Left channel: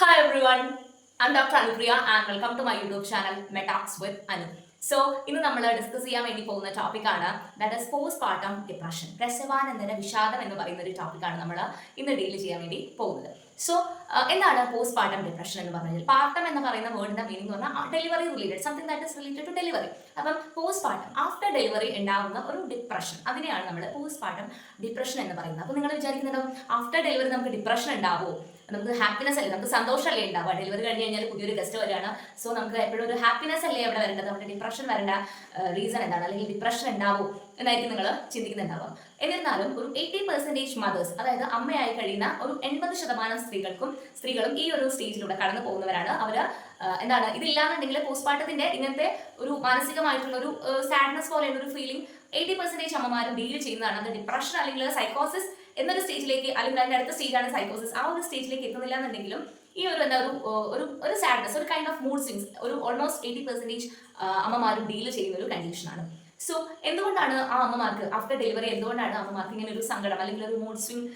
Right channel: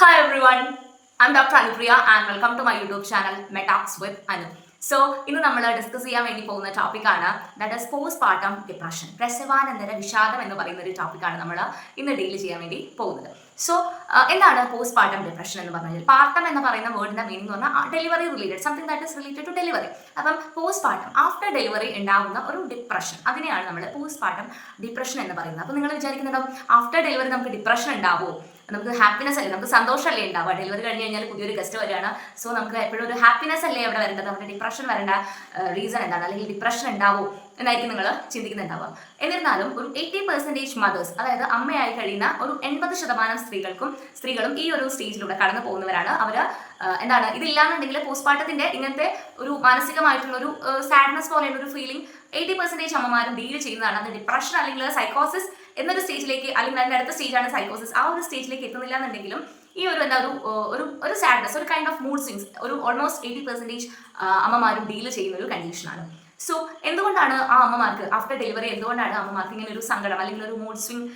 Hi everyone, I'm Dr. Anupriya and welcome to my YouTube channel Metalks with Anu. So ഇന്ന് നമ്മൾ discuss ചെയ്യാൻ വേണ്ടി പോകുന്ന ടോപ്പിക്കാണ് that is postpartum depression. പ്രസവാനന്തര വിഷാദം എന്ന് പറയുന്ന ഒരു ടോപ്പിക്കാണ് നമ്മൾ ഇന്ന് ഡീൽ ചെയ്യാൻ വേണ്ടി പോകുന്നത്. സോ എന്താണ് പോസ്റ്റ് പാർട്ടം ഡിപ്രഷൻ എന്ന് പറഞ്ഞാൽ? പാർട്ടം എന്ന് പറയുന്ന വേർഡിന്റെ മീനിങ് എന്ന് പറഞ്ഞാൽ delivery related, something that is related to delivery. അപ്പം പോസ്റ്റ് പാർട്ടം ആഫ്റ്റർ ഡെലിവറി ഉണ്ടാകുന്ന ഒരു ഡിപ്രഷൻ, അതിനെയാണ് നമ്മൾ പോസ്റ്റ് പാർട്ടം ഡിപ്രഷൻ എന്ന് പറയുന്നത്. അപ്പോൾ നിങ്ങൾ വിചാരിക്കുന്നുണ്ടോ ആഫ്റ്റർ ഡെലിവറി നമുക്ക് ഡിപ്രഷൻ ഉണ്ടാവുമോ? നമുക്ക് ഹാപ്പിനെസ് അല്ലേ, നമുക്ക് സന്തോഷമല്ലേ ഉണ്ടാവുക? ഡെലിവറി കഴിഞ്ഞ് കഴിഞ്ഞാൽ പുതിയൊരു ഗസ്റ്റ് വരികയാണ്, സോ നമുക്ക് എപ്പോഴും ഒരു ഹാപ്പിനെസ് അല്ലേ അവിടെ വരേണ്ടത്? നമ്മുടെ ഡിപ്രഷൻ വരേണ്ട റീസൺ എന്താണ്, അല്ലെങ്കിൽ ഡിപ്രഷൻ ഉണ്ടാവും എന്നായിരിക്കും നിങ്ങൾ ചിന്തിക്കുന്നുണ്ടാവുക. എന്നിരുന്നാലും ഒരു 80% മദേഴ്സ്, അതായത് അമ്മയായി കഴിയുന്ന ഒരു 80% സ്ത്രീകളും ഈ ഒരു സ്റ്റേജിലൂടെ കടന്നു പോകുന്നവരാണ്. അവർ എന്താണ്, ഇതില്ലാന്നുണ്ടെങ്കിൽ പോസ്റ്റ്മോർട്ടത്തിന്റെ ഇങ്ങനത്തെ ഒരു മാനസികമായിട്ടുള്ള ഒരു സാഡ്നെസ് പോലെയുള്ള ഒരു ഫീലിംഗ് 80% അമ്മമാരും ഡീൽ ചെയ്യുന്നതാണ്. അത് ഡിപ്രഷൻ അല്ലെങ്കിൽ സൈക്കോസിസ് എന്നൊരു സ്റ്റേജിലേക്ക്, അല്ലെങ്കിൽ അതിന്റെ അടുത്ത സ്റ്റേജാണ് സൈക്കോസിസ്, ആ ഒരു സ്റ്റേജിലേക്ക് എത്തുന്നില്ല എന്നുണ്ടെങ്കിലും ഈ ഒരു എന്താ ഒരു സാഡ്നെസ്, ഒരു കൈൻഡ് ഓഫ് മൂഡ് സ്വിങ്സ് ഒരു ഓൾമോസ്റ്റ് 80% അമ്മമാരും ഡീൽ ചെയ്യുന്ന ഒരു കണ്ടീഷനാണ്. സോ എന്തുകൊണ്ടാണ് ആ അമ്മമാർക്ക് ആഫ്റ്റർ ഡെലിവറി എന്തുകൊണ്ടാണ് അമ്മമാർക്ക് ഇങ്ങനെ ഒരു സങ്കടം അല്ലെങ്കിൽ ഒരു മൂഡ് സ്വിങ്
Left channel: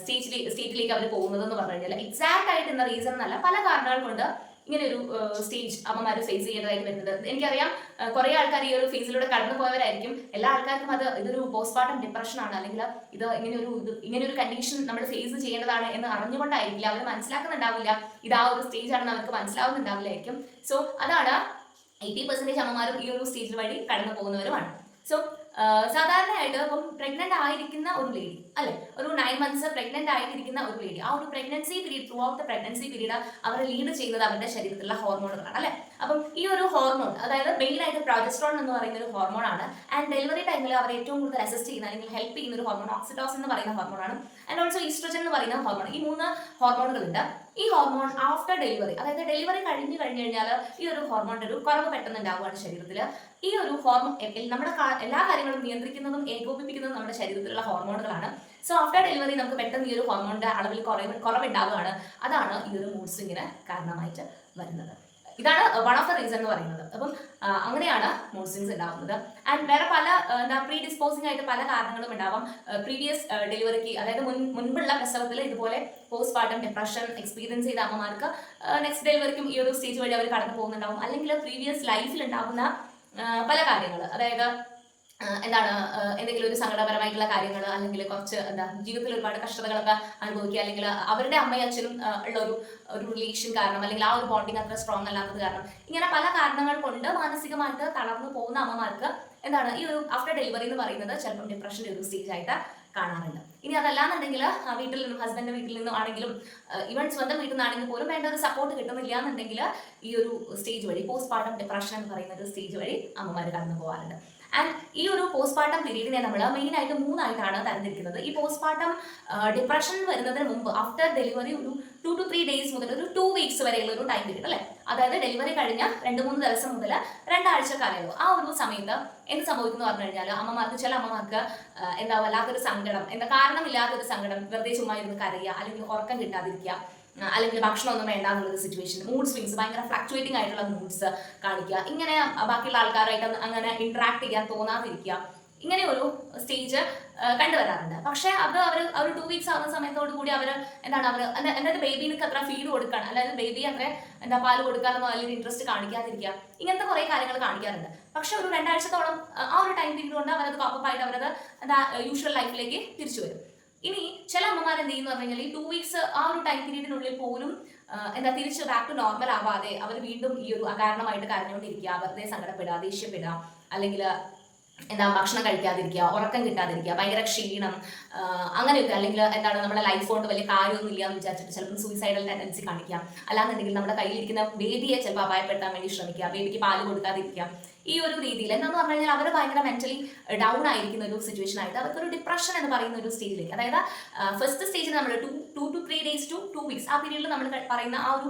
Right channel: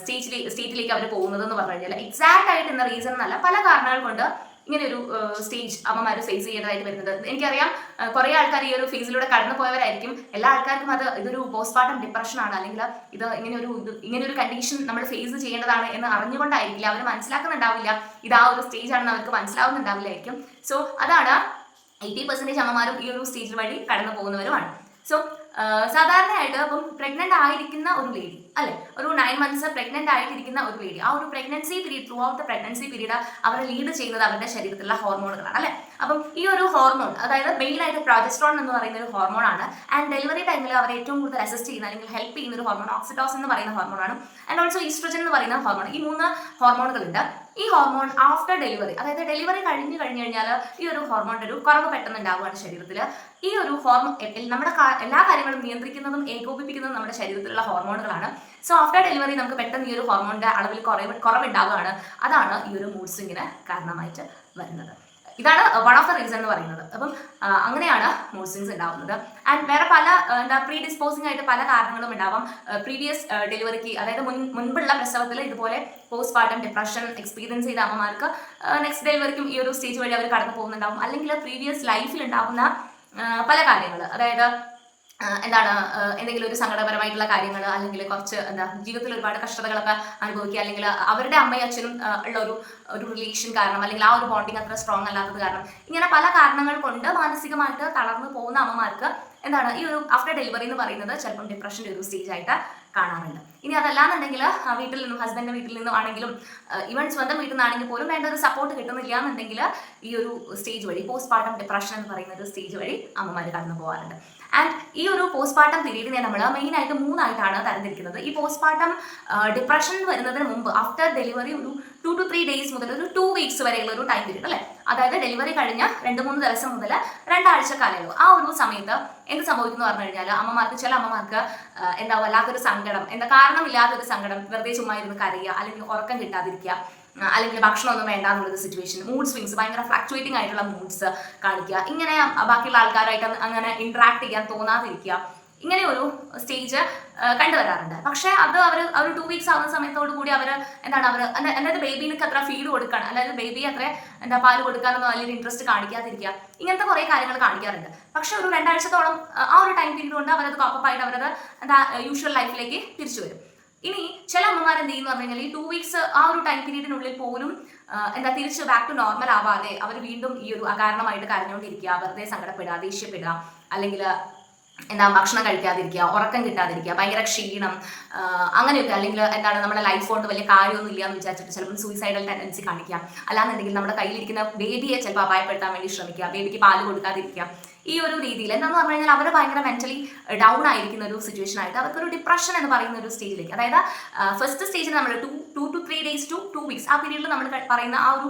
സ്റ്റേറ്റിലേക്ക് അവർ പോകുന്നത് എന്ന് പറഞ്ഞു കഴിഞ്ഞാൽ എക്സാക്ട് ആയിട്ട് എന്ന റീസൺ എന്നല്ല, പല കാരണങ്ങൾ കൊണ്ട് ഇങ്ങനെ ഒരു സ്റ്റേജ് അമ്മമാർ ഫേസ് ചെയ്യേണ്ടതായിട്ട് വരുന്നത്. എനിക്കറിയാം കുറേ ആൾക്കാർ ഈ ഒരു ഫേസിലൂടെ കടന്നു പോയവരായിരിക്കും. എല്ലാ ആൾക്കാർക്കും ഇതൊരു പോസ്റ്റ്മോർട്ടം ഡിപ്രഷൻ ആണ്, അല്ലെങ്കിൽ ഇത് ഇങ്ങനെ ഒരു കണ്ടീഷൻ നമ്മൾ ഫേസ് ചെയ്യേണ്ടതാണ് എന്ന് അറിഞ്ഞുകൊണ്ടായിരിക്കില്ല, അവർ മനസ്സിലാക്കുന്നുണ്ടാവില്ല, ഇത് ആ ഒരു സ്റ്റേജ് ആണെന്ന് അവർക്ക് മനസ്സിലാവുന്നുണ്ടാവില്ലായിരിക്കും. സോ അതാണ് 80% അമ്മമാരും ഈ ഒരു സ്റ്റേജ് വഴി കടന്നു പോകുന്നവരുമാണ്. സോ സാധാരണയായിട്ട് ഇപ്പം പ്രഗ്നന്റ് ആയിരിക്കുന്ന ഒരു ലേഡി അല്ലെ, ഒരു 9 months പ്രഗ്നന്റ് ആയിട്ടിരിക്കുന്ന ഒരു ലേഡി, ആ ഒരു pregnancy period, through out the pregnancy period അവരെ ലീഡ് ചെയ്യുന്നത് അവരുടെ ശരീരത്തിലുള്ള ഹോർമോണുകളാണ് അല്ലെ. അപ്പം ഈ ഒരു ഹോർമോൺ, അതായത് മെയിനായിട്ട് പ്രൊജസ്ട്രോൺ എന്ന് പറയുന്ന ഒരു ഹോർമോൺ ആണ്. ആൻഡ് ഡെലിവറി ടൈമിൽ അവരെ ഏറ്റവും കൂടുതൽ അസിസ്റ്റ് ചെയ്യുന്ന അല്ലെങ്കിൽ ഹെൽപ്പ് ചെയ്യുന്ന ഒരു ഹോർമോൺ ഓക്സിറ്റോസിൻ എന്ന് പറയുന്ന ഹോർമോണാണ്. ആൻഡ് ഓൾസോ ഈസ്ട്രജൻ എന്ന് പറയുന്ന ഹോർമോൺ. ഈ 3 ഹോർമോണുകളുണ്ട്. ഈ ഹോർമോൺ ആഫ്റ്റർ ഡെലിവറി, അതായത് ഡെലിവറി കഴിഞ്ഞു കഴിഞ്ഞാൽ ഈ ഒരു ഹോർമോണിന്റെ ഒരു കുറവ് പെട്ടെന്ന് ഉണ്ടാവുകയാണ് ശരീരത്തിൽ. ഈ ഒരു ഹോർമോൺ നമ്മുടെ എല്ലാ കാര്യങ്ങളും നിയന്ത്രിക്കുന്നതും ഏകോപിപ്പിക്കുന്നതും നമ്മുടെ ശരീരത്തിലുള്ള ഹോർമോണുകളാണ്. സോ ആഫ്റ്റർ ഡെലിവറി നമുക്ക് പെട്ടെന്ന് ഈ ഒരു ഹോർമോണിന്റെ അളവിൽ കുറവുണ്ടാവുകയാണ്. അതാണ് ഈ ഒരു മൂഡ് സ്വിങ്ങിന് കാരണമായിട്ട് വരുന്നത്. ഇതാണ് വൺ ഓഫ് ദ റീസൺ എന്ന് പറയുന്നത്. അപ്പം അങ്ങനെയാണ് മൂഡ് സ്വിങ്സ് ഉണ്ടാവുന്നത്. ആൻഡ് വേറെ പല പ്രീ ഡിസ്പോസിംഗ് ആയിട്ട് പല കാരണങ്ങളും ഉണ്ടാവാം. പ്രീവിയസ് ഡെലിവറിക്ക്, അതായത് മുൻപുള്ള പ്രസവത്തിൽ ഇതുപോലെ പോസ്റ്റ് പാർട്ടം ഡിപ്രഷൻ എക്സ്പീരിയൻസ് ചെയ്ത അമ്മമാർക്ക് നെക്സ്റ്റ് ഡെലിവറിക്കും ഈ ഒരു സ്റ്റേജ് വഴി അവർ കടന്നു പോകുന്നുണ്ടാവും. അല്ലെങ്കിൽ പ്രീവിയസ് ലൈഫിൽ ഉണ്ടാവുന്ന പല കാര്യങ്ങൾ, അതായത് എന്തെങ്കിലും ഒരു സങ്കടപരമായിട്ടുള്ള കാര്യങ്ങൾ, അല്ലെങ്കിൽ കുറച്ച് ജീവിതത്തിൽ ഒരുപാട് കഷ്ടതകളൊക്കെ അനുഭവിക്കുക, അല്ലെങ്കിൽ അവരുടെ അമ്മയും അച്ഛനും ഉള്ള ഒരു റിലേഷൻ കാരണം, അല്ലെങ്കിൽ ആ ഒരു ബോണ്ടിങ് അത്ര സ്ട്രോങ് അല്ലാത്തത് കാരണം, ഇങ്ങനെ പല കാരണങ്ങൾ കൊണ്ട് മാനസികമായിട്ട് തളർന്നു പോകുന്ന അമ്മമാർക്ക് ഈ ഒരു ആഫ്റ്റർ ഡെലിവറി എന്ന് പറയുന്നത് ചിലപ്പം ഡിപ്രഷൻ്റെ ഒരു സ്റ്റേജ് ആയിട്ട് കാണാറുണ്ട്. ഇനി അതല്ലാന്നുണ്ടെങ്കിൽ വീട്ടിൽ നിന്നും, ഹസ്ബൻഡിന്റെ വീട്ടിൽ നിന്നും ആണെങ്കിലും, ഈവൻ സ്വന്തം വീട്ടിൽ നിന്നാണെങ്കിൽ പോലും വേണ്ട ഒരു സപ്പോർട്ട് കിട്ടുന്നില്ല എന്നുണ്ടെങ്കിൽ ഈ ഒരു സ്റ്റേജ് വഴി, പോസ്റ്റ് പാർട്ടം ഡിപ്രഷൻ എന്ന് പറയുന്ന ഒരു സ്റ്റേജ് വഴി അമ്മമാർ കടന്നു പോകാറുണ്ട്. ആൻഡ് ഈ ഒരു പോസ്റ്റ് പാർട്ടം പീരീഡിനെ നമ്മൾ മെയിനായിട്ട് 3 തരംതിരിക്കുന്നത്. ഈ പോസ്റ്റ് പാർട്ടം ഡിപ്രഷൻ വരുന്നതിന് മുമ്പ് ആഫ്റ്റർ ഡെലിവറി ഒരു 2 to 3 days മുതൽ ഒരു 2 weeks വരെയുള്ള ഒരു ടൈം പീരീഡ് അല്ലേ, അതായത് ഡെലിവറി കഴിഞ്ഞ 2-3 ദിവസം മുതൽ 2 ആഴ്ച കാലയളവ്. ആ ഒരു സമയത്ത് എന്ത് സംഭവിക്കുന്നു പറഞ്ഞു കഴിഞ്ഞാൽ ചില അമ്മമാർക്ക് വല്ലാത്തൊരു സങ്കടം, കാരണമില്ലാത്തൊരു സങ്കടം, വെറുതെ ചുമ്മാ ഇരുന്ന് കരയുക, അല്ലെങ്കിൽ ഉറക്കം കിട്ടാതിരിക്കുക, അല്ലെങ്കിൽ ഭക്ഷണമൊന്നും വേണ്ട എന്നുള്ളൊരു സിറ്റുവേഷൻ, മൂഡ് സ്വിങ്സ്, ഭയങ്കര ഫ്ലക്ച്വേറ്റിംഗ് ആയിട്ടുള്ള മൂഡ്സ് കാണിക്കുക, ഇങ്ങനെ ബാക്കിയുള്ള ആൾക്കാരായിട്ട് അങ്ങനെ ഇന്ററാക്ട് ചെയ്യാൻ തോന്നാതിരിക്കുക, ഇങ്ങനെ ഒരു സ്റ്റേജ് കണ്ടുവരാറുണ്ട്. പക്ഷേ അത് അവർ 2 weeks ആവുന്ന സമയത്തോടു കൂടി അതായത് ബേബിക്ക് അത്ര ഫീഡ് കൊടുക്കണം, അതായത് ബേബി അത്ര പാല് കൊടുക്കാനൊന്നും വലിയൊരു ഇൻട്രസ്റ്റ് കാണിക്കാതിരിക്കുക, ഇങ്ങനത്തെ കുറേ കാര്യങ്ങൾ കാണിക്കാറുണ്ട്. പക്ഷെ ഒരു 2 ആഴ്ചത്തോളം ആ ഒരു ടൈം പീരീഡ് കൊണ്ട് അവരത് കോപ്പപ്പായിട്ട് അവരത് യൂഷ്വൽ ലൈഫിലേക്ക് തിരിച്ചു വരും. ഇനി ചില അമ്മമാർ എന്ത് ചെയ്യുന്നു പറഞ്ഞു കഴിഞ്ഞാൽ ഈ 2 weeks ആ ഒരു ടൈം പീരീഡിനുള്ളിൽ പോലും തിരിച്ച് ബാക്ക് ടു നോർമൽ ആവാതെ അവർ വീണ്ടും ഈ ഒരു അകാരണമായിട്ട് കരഞ്ഞുകൊണ്ടിരിക്കുക, വെറുതെ സങ്കടപ്പെടുക, ദേഷ്യപ്പെടുക, അല്ലെങ്കിൽ ഭക്ഷണം കഴിക്കാതിരിക്കുക, ഉറക്കം കിട്ടാതിരിക്കുക, ഭയങ്കര ക്ഷീണം, അങ്ങനെയൊക്കെ, അല്ലെങ്കിൽ നമ്മുടെ ലൈഫ് കൊണ്ട് വലിയ കാര്യമൊന്നും ഇല്ല എന്ന് വിചാരിച്ചിട്ട് ചിലപ്പോൾ സൂയിസൈഡൽ ടെൻഡൻസി കാണിക്കാം. അല്ലാന്നുണ്ടെങ്കിൽ നമ്മുടെ കയ്യിലിരിക്കുന്ന ബേബിയെ ചിലപ്പോൾ അപായപ്പെടുത്താൻ വേണ്ടി ശ്രമിക്കുക, ബേബിക്ക് പാല് കൊടുക്കാതിരിക്കുക. ഈ ഒരു രീതിയിൽ എന്താണെന്ന് പറഞ്ഞു കഴിഞ്ഞാൽ അവർ ഭയങ്കര മെന്റലി ഡൗൺ ആയിരിക്കുന്ന ഒരു സിറ്റുവേഷൻ ആയിട്ട് അവർക്കൊരു ഡിപ്രഷൻ എന്ന് പറയുന്ന ഒരു സ്റ്റേജിലേക്ക്, അതായത് ഫസ്റ്റ് സ്റ്റേജിൽ നമ്മൾ 2 to 3 days to 2 weeks ആ പീരീഡിൽ നമ്മൾ പറയുന്ന ആ ഒരു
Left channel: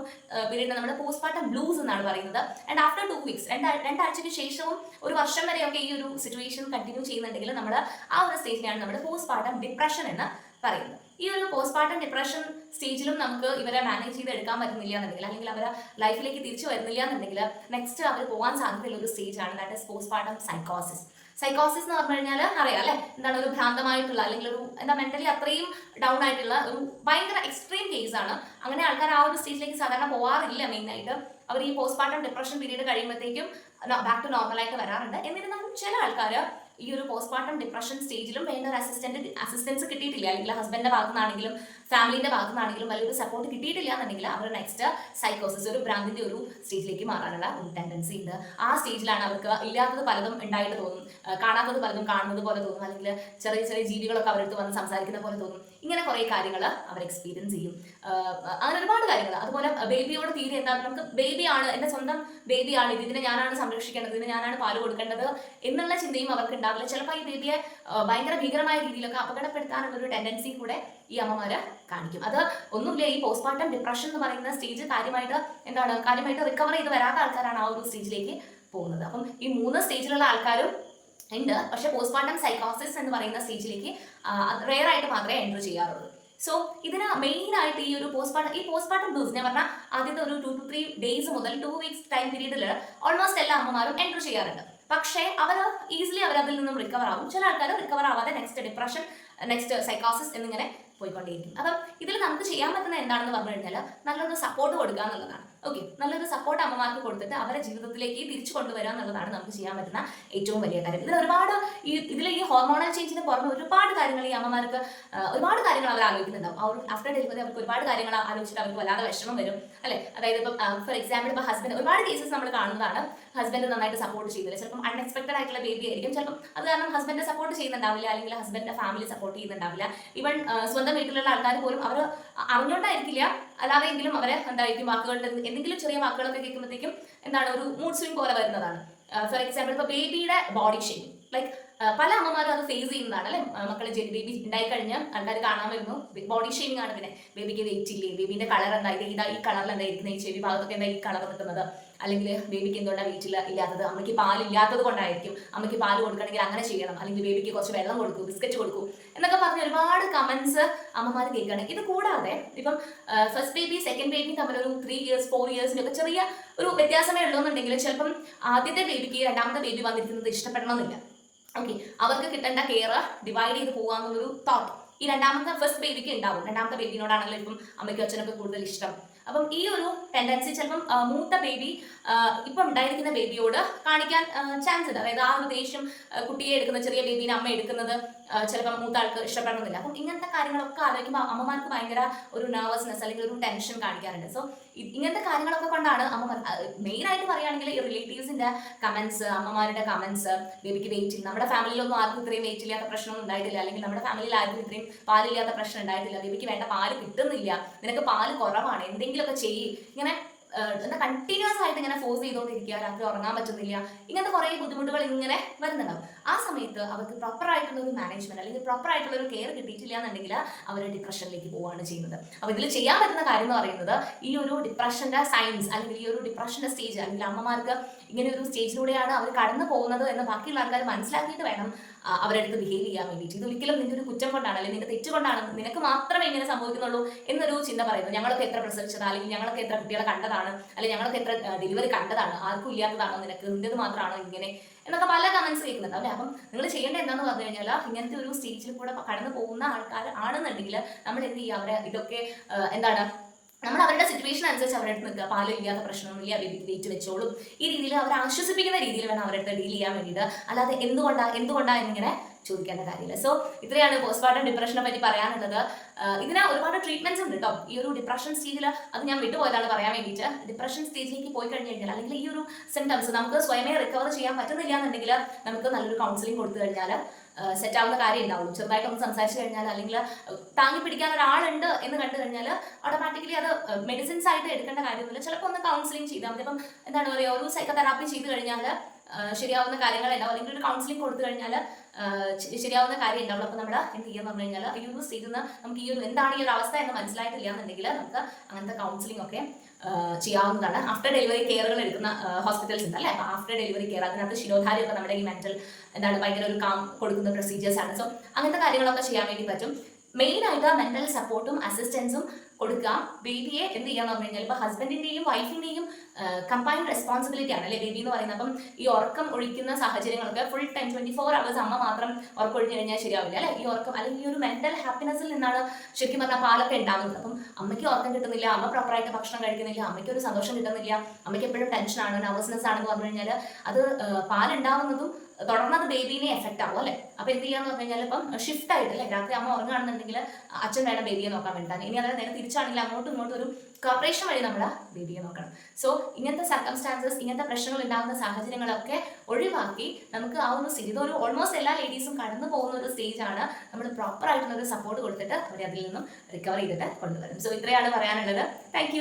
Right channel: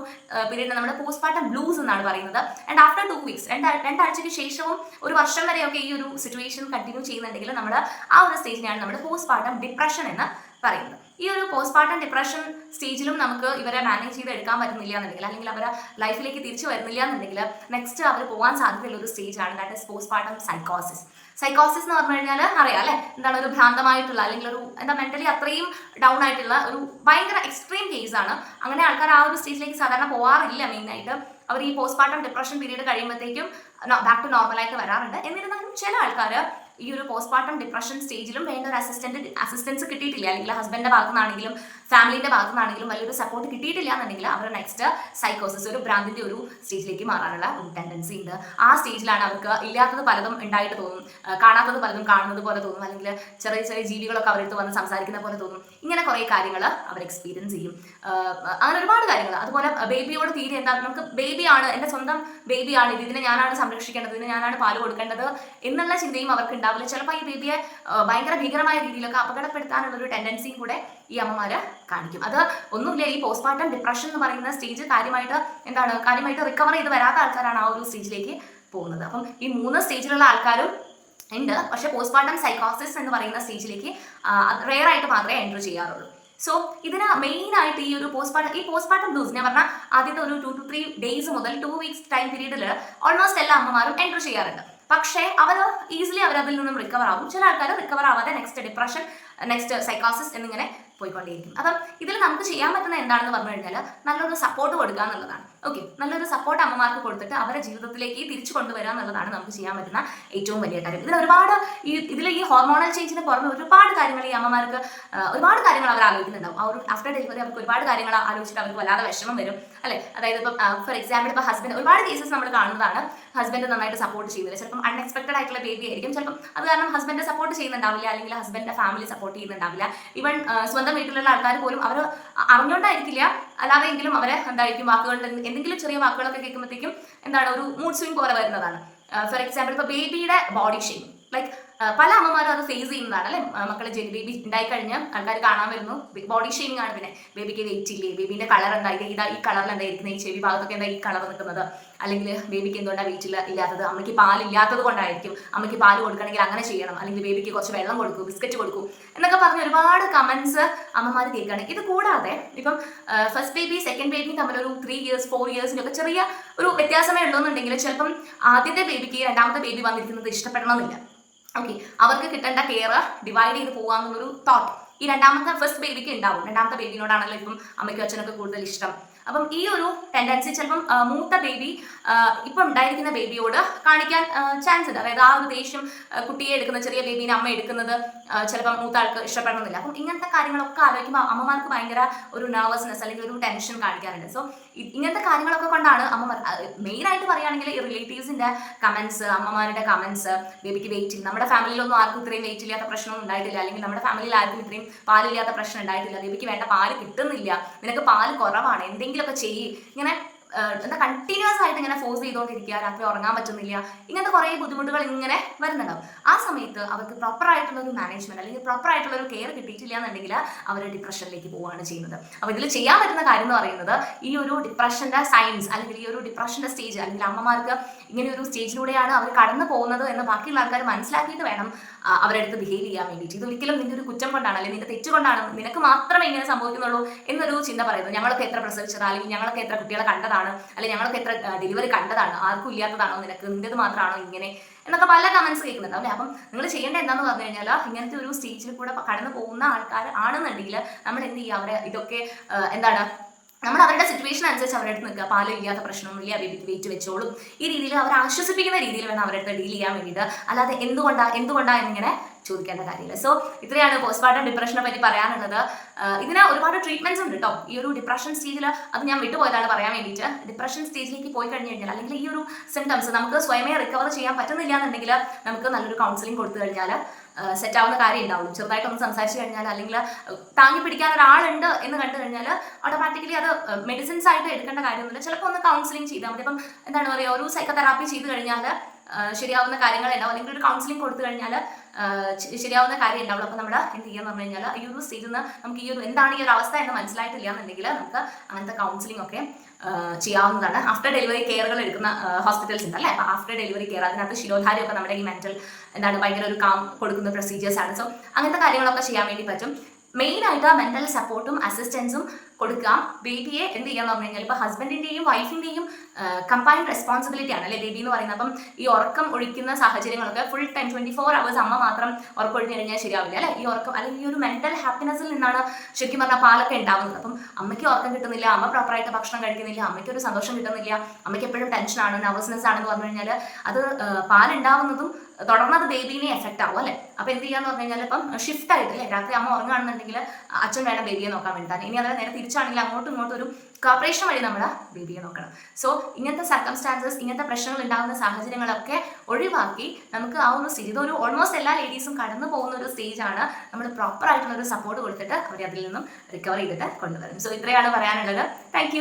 പീരീഡിനെ നമ്മൾ പോസ്റ്റ് പാർട്ടം ബ്ലൂസ് എന്നാണ് പറയുന്നത്. ആൻഡ് ആഫ്റ്റർ 2 weeks, 2 ആഴ്ചയ്ക്ക് ശേഷവും ഒരു വർഷം വരെയൊക്കെ ഈ ഒരു സിറ്റുവേഷൻ കണ്ടിന്യൂ ചെയ്യുന്നുണ്ടെങ്കിൽ നമ്മൾ ആ ഒരു സ്റ്റേജിനെയാണ് നമ്മൾ പോസ്റ്റ് പാർട്ടം ഡിപ്രഷൻ എന്ന് പറയുന്നത്. ഈ ഒരു പോസ്റ്റ്മോർട്ടം ഡിപ്രഷൻ സ്റ്റേജിലും നമുക്ക് ഇവരെ മാനേജ് ചെയ്ത് എടുക്കാൻ പറ്റുന്നില്ല എന്നുണ്ടെങ്കിൽ, അല്ലെങ്കിൽ അവരെ ലൈഫിലേക്ക് തിരിച്ചു വരുന്നില്ല എന്നുണ്ടെങ്കിൽ, നെക്സ്റ്റ് അവർ പോകാൻ സാധ്യതയുള്ള ഒരു സ്റ്റേജാണ് ദാറ്റ് ഇസ് പോസ്റ്റ്മോർട്ടം സൈക്കോസിസ്. സൈക്കോസിസ് എന്ന് പറഞ്ഞു കഴിഞ്ഞാൽ അറിയാം അല്ലെ, എന്താണ് ഒരു ഭ്രാന്തമായിട്ടുള്ള അല്ലെങ്കിൽ ഒരു എന്താ മെന്റലി അത്രയും ഡൗൺ ആയിട്ടുള്ള ഒരു ഭയങ്കര എക്സ്ട്രീം കേസാണ്. അങ്ങനെ ആൾക്കാർ ആ ഒരു സ്റ്റേജിലേക്ക് സാധാരണ പോകാറില്ല. മെയിനായിട്ട് അവർ ഈ പോസ്റ്റ്മോർട്ടം ഡിപ്രഷൻ പീരീഡ് കഴിയുമ്പോഴത്തേക്കും ബാക്ക് ടു നോർമലായിട്ട് വരാറുണ്ട്. എന്നിരുന്നാലും ചില ആൾക്കാർ ഈ ഒരു പോസ്റ്റ്മോർട്ടം ഡിപ്രഷൻ സ്റ്റേജിലും വേണ്ട ഒരു അസിസ്റ്റൻസ് കിട്ടിയിട്ടില്ല, അല്ലെങ്കിൽ ഹസ്ബൻഡിന്റെ ഭാഗത്തു നിന്നാണെങ്കിലും ഫാമിലിന്റെ ഭാഗത്തു നിന്നാണെങ്കിലും വലിയൊരു സപ്പോർട്ട് കിട്ടിയിട്ടില്ല എന്നുണ്ടെങ്കിൽ അവർ നെക്സ്റ്റ് സൈക്കോസിസ്, ഒരു ഭ്രാന്തിന്റെ ഒരു സ്റ്റേജിലേക്ക് മാറാനുള്ള ഒരു ടെൻഡൻസി ഉണ്ട്. ആ സ്റ്റേജിലാണ് അവർക്ക് ഇല്ലാത്തത് പലതും ഉണ്ടായിട്ട് തോന്നും, കാണാത്തത് പലതും കാണുന്നത് പോലെ തോന്നും, അല്ലെങ്കിൽ ചെറിയ ചെറിയ ജീവികളൊക്കെ അവരെടുത്ത് വന്ന് സംസാരിക്കുന്ന പോലെ തോന്നും. ഇങ്ങനെ കുറേ കാര്യങ്ങൾ അവർ എക്സ്പീരിയൻസ് ചെയ്യും. അങ്ങനെ ഒരുപാട് കാര്യങ്ങൾ. അതുപോലെ ബേബിയോട് തീരെ എന്താ, നമുക്ക് ബേബിയാണ്, എൻ്റെ സ്വന്തം ബേബിയാണ്, ഇതിനെ ഞാനാണ് സംരക്ഷിക്കേണ്ടത്, ഇതിന് ഞാനാണ് പാല് കൊടുക്കേണ്ടത് എന്നുള്ള ചിന്തയും അവർക്ക് ഉണ്ടാവില്ല. ചിലപ്പോൾ ഈ ബേബിയെ ഭയങ്കര ഭീകരമായ രീതിയിലൊക്കെ അപകടപ്പെടുത്താനുള്ള ഒരു ടെൻഡൻസിയും കൂടെ ഈ അമ്മമാര് കാണിക്കും. അത് ഒന്നുമില്ല, ഈ പോസ്റ്റ്മോർട്ടം ഡിപ്രഷൻ എന്ന് പറയുന്ന സ്റ്റേജ് കാര്യമായിട്ട് റിക്കവർ ചെയ്ത് വരാത്ത ആൾക്കാരാണ് ആ ഒരു സ്റ്റേജിലേക്ക് പോകുന്നത്. അപ്പം ഈ 3 സ്റ്റേജിലുള്ള ആൾക്കാരും ഉണ്ട്. പക്ഷെ പോസ്റ്റ്മോർട്ടം സൈക്കോസിസ് എന്ന് പറയുന്ന സ്റ്റേജിലേക്ക് റെയർ ആയിട്ട് മാത്രമേ എൻറ്റർ ചെയ്യാറുള്ളൂ. സോ ഇതിന് മെയിൻ ആയിട്ട് ഈ ഒരു പോസ്റ്റ്മോർട്ടം ഡോസ് ഞാൻ പറഞ്ഞാൽ ആദ്യത്തെ ഒരു 2 to 3 days മുതൽ 2 weeks ടൈം പീരീഡിൽ ഓൾമോസ്റ്റ് എല്ലാ അമ്മമാരും എൻറ്റർ ചെയ്യാറുണ്ട്. പക്ഷേ അവർ ഈസിലി അവരതിൽ നിന്നും റിക്കവർ ആവും. ചില ആൾക്കാർ റിക്കവർ ആവാതെ നെക്സ്റ്റ് ഡിപ്രഷൻ, നെക്സ്റ്റ് സൈക്കോസിസ് എന്നിങ്ങനെ പോയിക്കൊണ്ടേയിരിക്കും. അപ്പം ഇതിൽ നമുക്ക് ചെയ്യാൻ പറ്റുന്ന എന്താണെന്ന് പറഞ്ഞു കഴിഞ്ഞാൽ നല്ലൊരു സപ്പോർട്ട് കൊടുക്കുക എന്നുള്ളതാണ്. ഓക്കെ, നല്ലൊരു സപ്പോർട്ട് അമ്മമാർക്ക് കൊടുത്തിട്ട് അവരെ ജീവിതത്തിലേക്ക് തിരിച്ചു കൊണ്ടുവരിക എന്നുള്ളതാണ് നമുക്ക് ചെയ്യാൻ പറ്റുന്ന ഏറ്റവും വലിയ കാര്യം. ഇതിൽ ഒരുപാട് ഇതിൽ ഈ ഹോർമോണൽ ചേഞ്ചിന് പുറമെ ഒരുപാട് കാര്യങ്ങൾ ഈ അമ്മമാർക്ക് ഒരുപാട് കാര്യങ്ങൾ അവർ ആലോചിക്കുന്നുണ്ടാവും. ആ ഒരു ആഫ്റ്റർ ഡെലിവറി അവർക്ക് ഒരുപാട് കാര്യങ്ങൾ ആലോചിച്ചിട്ട് അവർക്ക് വല്ലാതെ വിഷമം വരും അല്ലെ. അതായത് ഇപ്പം ഫോർ എക്സാമ്പിൾ ഇപ്പോൾ ഹസ്ബൻഡ്, ഒരുപാട് കേസസ് നമ്മൾ കാണുന്നതാണ്, ഹസ്ബൻഡ് നന്നായിട്ട് സപ്പോർട്ട് ചെയ്യുന്നില്ല. ചിലപ്പം അൺഎക്സ്പെക്ടഡ് ആയിട്ടുള്ള ബേബി ആയിരിക്കും, ചിലപ്പം അത് കാരണം ഹസ്ബൻഡ് സപ്പോർട്ട് ചെയ്യുന്നുണ്ടാവില്ല, അല്ലെങ്കിൽ ഹസ്ബൻഡിന്റെ ഫാമിലി സപ്പോർട്ട് ചെയ്യുന്നുണ്ടാവില്ല. ഈവൻ സ്വന്തം വീട്ടിലുള്ള ആൾക്കാർ പോലും അവർ അറിഞ്ഞുകൊണ്ടായിരിക്കില്ല, അല്ലാതെ എങ്കിലും അവരെ എന്തായിരിക്കും വാക്കുകളുടെ എന്തെങ്കിലും ചെറിയ വാക്കുകളൊക്കെ കേൾക്കുമ്പോഴത്തേക്കും എന്താണ് ഒരു മൂഡ് സ്വിംഗ് പോലെ വരുന്നതാണ്. ഫോർ എക്സാമ്പിൾ ഇപ്പോൾ ബേബിയുടെ ബോഡി ഷെയിം, ലൈക്ക് പല അമ്മമാരും അത് ഫേസ് ചെയ്യുന്നതാണ് അല്ലെ. മക്കളെ ബേബി ഉണ്ടായി കഴിഞ്ഞ് ആൾക്കാർ കാണാൻ വരുന്നു, ബോഡി ഷെയിമിംഗ് ആണ്. പിന്നെ ബേബിക്ക് വെയിറ്റ് ഇല്ലേ, ബേബിന്റെ കളർ എന്താ, ഇതാ ഈ കളറിൽ എന്താ ഇരിക്കുന്നത്, ഈ ചെവി ഭാഗത്തൊക്കെ എന്താ ഈ കളർ നിൽക്കുന്നത്, അല്ലെങ്കിൽ ബേബിക്ക് എന്തുകൊണ്ടാണ് വെയിറ്റ് ഇല്ലാത്തത്, അമ്മയ്ക്ക് പാലില്ലാത്തത് കൊണ്ടായിരിക്കും, അമ്മയ്ക്ക് പാല് കൊടുക്കണമെങ്കിൽ അങ്ങനെ ചെയ്യണം, അല്ലെങ്കിൽ ബേബിക്ക് കുറച്ച് വെള്ളം കൊടുക്കൂ, ബിസ്ക്കറ്റ് കൊടുക്കൂ എന്നൊക്കെ പറഞ്ഞ് ഒരുപാട് കമന്റ്സ് അമ്മമാർ കേൾക്കുകയാണ്. ഇത് കൂടാതെ ഇപ്പം ഫസ്റ്റ് ബേബി സെക്കൻഡ് ബേബി തമ്മിൽ ഒരു 3 years 4 years ഒക്കെ ചെറിയ ഒരു വ്യത്യാസമേ ഉള്ളൂന്നുണ്ടെങ്കിൽ ചിലപ്പം ആദ്യത്തെ ബേബിക്ക് രണ്ടാമത്തെ ബേബി വന്നിരിക്കുന്നത് ഇഷ്ടപ്പെടണമെന്നില്ല. ഓക്കെ, അവർക്ക് കിട്ടേണ്ട കെയർ ഡിവൈഡ് ചെയ്ത് പോകാമെന്നൊരു തോട്ട് ഈ ഫസ്റ്റ് ബേബിക്ക് ഉണ്ടാവും. രണ്ടാമത്തെ ബേബിനോടാണല്ലോ ഇപ്പം അമ്മയ്ക്കും അച്ഛനൊക്കെ കൂടുതൽ ഇഷ്ടം. അപ്പം ഈ ഒരു ടെൻഡൻസി ചിലപ്പം മൂത്ത ബേബി ഇപ്പം ഉണ്ടായിരിക്കുന്ന ബേബിയോട് കാണിക്കാൻ ചാൻസ് ഉണ്ട്. അതായത് ആ ഒരു ദേഷ്യം കുട്ടിയെ എടുക്കുന്ന, ചെറിയ ബേബീനെ അമ്മ എടുക്കുന്നത് ചിലപ്പം മൂത്ത ആൾക്ക് ഇഷ്ടപ്പെടണമെന്നില്ല. അപ്പം ഇങ്ങനത്തെ കാര്യങ്ങളൊക്കെ ആലോചിക്കുമ്പോൾ അമ്മമാർക്ക് ഭയങ്കര ഒരു നെർവസ്നെസ് അല്ലെങ്കിൽ ഒരു ടെൻഷൻ കാണിക്കാറുണ്ട്. സോ ഇങ്ങനത്തെ കാര്യങ്ങളൊക്കെ കൊണ്ടാണ് അമ്മമാർ മെയിനായിട്ട് പറയുകയാണെങ്കിൽ ഈ റിലേറ്റീവ്സിന്റെ കമന്റ്സ്, അമ്മമാരുടെ കമന്റ്സ്, ബേബിക്ക് വെയിറ്റ് ഇല്ല, നമ്മുടെ ഫാമിലിയിലൊന്നും ആർക്കും ഇത്രയും വെയിറ്റ് ഇല്ലാത്ത പ്രശ്നമൊന്നും ഉണ്ടായിട്ടില്ല, അല്ലെങ്കിൽ നമ്മുടെ ഫാമിലിയിൽ ആർക്കും ഇത്രയും പാലില്ലാത്ത പ്രശ്നം ഉണ്ടായിട്ടില്ല, ബേബിക്ക് വേണ്ട പാല് കിട്ടുന്നില്ല, നിനക്ക് പാല് കുറവാണ്, എന്തെങ്കിലുമൊക്കെ ചെയ്യ്, ഇങ്ങനെ എന്താ കണ്ടിന്യൂസ് ആയിട്ട് ഇങ്ങനെ ഫോഴ്സ് ചെയ്തുകൊണ്ടിരിക്കുക, രാത്രി ഉറങ്ങാൻ പറ്റുന്നില്ല, ഇങ്ങനത്തെ കുറേ ബുദ്ധിമുട്ടുകൾ ഇങ്ങനെ വരുന്നുണ്ടാവും. ആ സമയത്ത് അവർക്ക് പ്രോപ്പർ ആയിട്ടുള്ള ഒരു മാനേജ്മെന്റ് അല്ലെങ്കിൽ പ്രോപ്പർ ആയിട്ടുള്ള ഒരു കെയർ കിട്ടിയിട്ടില്ല എന്നുണ്ടെങ്കിൽ അവർ ഡിപ്രഷനിലേക്ക് പോവുകയാണ് ചെയ്യുന്നത്. അപ്പോൾ ഇതിൽ ചെയ്യാൻ പറ്റുന്ന കാര്യം എന്ന് പറയുന്നത് ഈ ഒരു ഡിപ്രഷന്റെ സൈൻസ് അല്ലെങ്കിൽ ഈ ഒരു ഡിപ്രഷന്റെ സ്റ്റേജ് അല്ലെങ്കിൽ അമ്മമാർക്ക് ഇങ്ങനെ ഒരു സ്റ്റേജിലൂടെയാണ് അവർ കടന്നു പോകുന്നത് എന്ന് ബാക്കിയുള്ള ആൾക്കാർ മനസ്സിലാക്കിയിട്ട് വേണം അവരുടെ അടുത്ത് ബിഹേവ് ചെയ്യാൻ വേണ്ടിയിട്ട്. ഇതൊരിക്കലും നിന്റെ ഒരു കുറ്റം കൊണ്ടാണ് അല്ലെങ്കിൽ നിന്റെ തെറ്റ് കൊണ്ടാണ്, നിനക്ക് മാത്രമേ ഇങ്ങനെ സംഭവിക്കുന്നുള്ളൂ എന്നൊരു ചിന്ത പറയുന്നത്. ഞങ്ങളൊക്കെ എത്ര പ്രസവിച്ചതാണ്, അല്ലെങ്കിൽ ഞങ്ങളൊക്കെ എത്ര കുട്ടികളെ കണ്ടതാണ്, അല്ലെങ്കിൽ ഞങ്ങളൊക്കെ എത്ര ഡെലിവറി കണ്ടതാണ്, ആർക്കും ഇല്ലാത്തതാണോ നിനക്ക്, നിന്റേത് മാത്രമാണോ ഇങ്ങനെ എന്നൊക്കെ പല കമന്റ്സ് കേൾക്കുന്നുണ്ട് അല്ലേ. അപ്പം നിങ്ങൾ ചെയ്യേണ്ടത് എന്താണെന്ന് പറഞ്ഞു കഴിഞ്ഞാൽ ഇങ്ങനത്തെ ഒരു സ്റ്റേജിൽ കൂടെ കടന്നു പോകുന്ന ആൾക്കാർ ആണെന്നുണ്ടെങ്കിൽ നമ്മൾ എന്ത് ചെയ്യുക, അവരെ ഇതൊക്കെ എന്താണ് നമ്മൾ അവരുടെ സിറ്റുവേഷൻ അനുസരിച്ച് അവരുടെ അടുത്ത് നിൽക്കുക. പാല് ഇല്ലാത്ത പ്രശ്നമൊന്നുമില്ല, ബേബിക്ക് വെയിറ്റ് വെച്ചോളും, ഈ രീതിയിൽ അവരെ ആശ്വസിപ്പിക്കുന്ന രീതിയിൽ വേണം അവരുടെ അടുത്ത് ഡീൽ ചെയ്യാൻ വേണ്ടിയിട്ട്. അല്ലാതെ എന്തുകൊണ്ടാ എന്നിങ്ങനെ ചോദിക്കേണ്ട കാര്യമില്ല. സോ ഇത്രയാണ് പോസ്റ്റ്മോർട്ടം ഡിപ്രഷനെ പറ്റി പറയാനുള്ളത്. ഇതിന് ഒരുപാട് ട്രീറ്റ്മെന്റ്സ് ഉണ്ട് കേട്ടോ. ഈ ഒരു ഡിപ്രഷൻ സ്റ്റേജിൽ അത് ഞാൻ വിട്ടുപോയതാണ് പറയാൻ വേണ്ടിയിട്ട്. ഡിപ്രഷൻ സ്റ്റേജിലേക്ക് പോയി കഴിഞ്ഞ് കഴിഞ്ഞാൽ അല്ലെങ്കിൽ ഈ ഒരു സിംറ്റംസ് നമുക്ക് സ്വയമേ റിക്കവർ ചെയ്യാൻ പറ്റുന്നില്ല എന്നുണ്ടെങ്കിൽ നമുക്ക് നല്ലൊരു കൗൺസിലിംഗ് കൊടുത്തു കഴിഞ്ഞാൽ സെറ്റ് ആവുന്ന കാര്യം ഉണ്ടാവുള്ളൂ. ചെറുതായിട്ടൊന്ന് സംസാരിച്ച് കഴിഞ്ഞാൽ അല്ലെങ്കിൽ താങ്ങി പിടിക്കാൻ ഒരാളുണ്ട് എന്ന് കണ്ടു കഴിഞ്ഞാൽ ഓട്ടോമാറ്റിക്കലി അത് മെഡിസിൻസ് ആയിട്ട് എടുക്കേണ്ട കാര്യമൊന്നുമില്ല. ചിലപ്പോൾ ഒന്ന് കൗൺസിലിംഗ് ചെയ്താൽ മതി. ഇപ്പം എന്താണ് പറയുക, ഒരു സൈക്കോതെറാപ്പി ചെയ്ത് കഴിഞ്ഞാൽ ശരിയാവുന്ന കാര്യങ്ങളുണ്ടാവും, അല്ലെങ്കിൽ ഒരു കൗൺസിലിംഗ് കൊടുത്തു കഴിഞ്ഞാൽ ശരിയാവുന്ന കാര്യം ഉണ്ടാവുള്ളൂ. അപ്പോൾ നമ്മൾ എന്ത് ചെയ്യാന്ന് പറഞ്ഞു കഴിഞ്ഞാൽ ഈ ഒരു സ്റ്റേജിൽ നിന്ന് നമുക്ക് ഈ ഒരു എന്താണ് ഈ ഒരു അവസ്ഥ എന്ന് മനസ്സിലായിട്ടില്ല എന്നുണ്ടെങ്കിൽ നമുക്ക് അങ്ങനത്തെ കൗൺസിലിംഗ് ഒക്കെ ചെയ്യാവുന്നതാണ്. ആഫ്റ്റർ ഡെലിവറി കെയറുകൾ എടുക്കുന്ന ഹോസ്പിറ്റൽസ് ഉണ്ട് അല്ലേ. അപ്പോൾ ആഫ്റ്റർ ഡെലിവറി കെയർ അതിനകത്ത് ശിരോധാരിയൊക്കെ നമ്മുടെ ഈ മെന്റൽ എന്താണ് ഭയങ്കര ഒരു കാം കൊടുക്കുന്ന പ്രൊസീജിയേഴ്സ് ആണ്. സോ അങ്ങനത്തെ കാര്യങ്ങളൊക്കെ ചെയ്യാൻ വേണ്ടി പറ്റും. മെയിനായിട്ട് മെന്റൽ സപ്പോർട്ടും അസിസ്റ്റൻസും കൊടുക്കാം. ബേബിയെ എന്ത് ചെയ്യാന്ന് പറഞ്ഞു കഴിഞ്ഞാൽ ഇപ്പോൾ ഹസ്ബൻഡിന്റെയും വൈഫിന്റെയും കമ്പൈൻഡ് റെസ്പോൺസിബിലിറ്റി ആണ് അല്ലേ ബേബി എന്ന് പറയുന്നത്. അപ്പം ഈ ഉറക്കം ഒഴിക്കുന്ന സാഹചര്യങ്ങളൊക്കെ ഫുൾ ടൈം 24 hours അമ്മ മാത്രം ഉറക്കം ഒഴിഞ്ഞു കഴിഞ്ഞാൽ ശരിയാവില്ല അല്ലേ. ഈ ഉറക്കം അല്ലെങ്കിൽ ഈ ഒരു മെന്റൽ ഹാപ്പിനെസ്സിൽ നിന്നാണ് ശരിക്കും പറഞ്ഞാൽ പാലൊക്കെ ഉണ്ടാവുന്നത്. അപ്പം അമ്മയ്ക്ക് ഉറക്കം കിട്ടുന്നില്ല, അമ്മ പ്രോപ്പറായിട്ട് ഭക്ഷണം കഴിക്കുന്നില്ല, അമ്മയ്ക്ക് ഒരു സന്തോഷം കിട്ടുന്നില്ല, അമ്മയ്ക്ക് എപ്പോഴും ടെൻഷനാണ്, നെർവസ്നെസ് ആണെന്ന് പറഞ്ഞു കഴിഞ്ഞാൽ അത് പാലുണ്ടാവുന്നതും തുടർന്നത് ബേബീനെ എഫക്റ്റ് ആവും അല്ലേ. അപ്പോൾ എന്ത് ചെയ്യാന്ന് പറഞ്ഞു കഴിഞ്ഞാൽ ഇപ്പം ഷിഫ്റ്റ് ആയിട്ട് അല്ലേ, രാത്രി അമ്മ ഉറങ്ങുകയാണെന്നുണ്ടെങ്കിൽ അച്ഛൻ വേണം ബേബിയെ നോക്കാൻ വേണ്ടിയിട്ടാണ്. ഇനി അതായത് നേരെ തിരിച്ചാണെങ്കിൽ അങ്ങോട്ടും ഇങ്ങോട്ടും ഒരു കോപ്പറേഷൻ വഴി നമ്മുടെ ബേബിയെ നോക്കണം. സോ ഇങ്ങനത്തെ സർക്കംസ്റ്റാൻസസ്, ഇങ്ങനത്തെ പ്രശ്നങ്ങൾ ഉണ്ടാകുന്ന സാഹചര്യങ്ങളൊക്കെ ഒഴിവാക്കി നമുക്ക് ആ ഒരു സ്റ്റേജ്, ഇതൊരു ഓൾമോസ്റ്റ് എല്ലാ ലേഡീസും കടന്നു പോകുന്ന ഒരു സ്റ്റേജാണ്. നമ്മൾ പ്രോപ്പർ ആയിട്ടുള്ള ഒരു സപ്പോർട്ട് കൊടുത്തിട്ട് അവരെ അതിൽ നിന്നും റിക്കവർ ചെയ്തിട്ട് കൊണ്ടുവരും. സോ ഇത്രയാണ് പറയാനുള്ളത്. താങ്ക്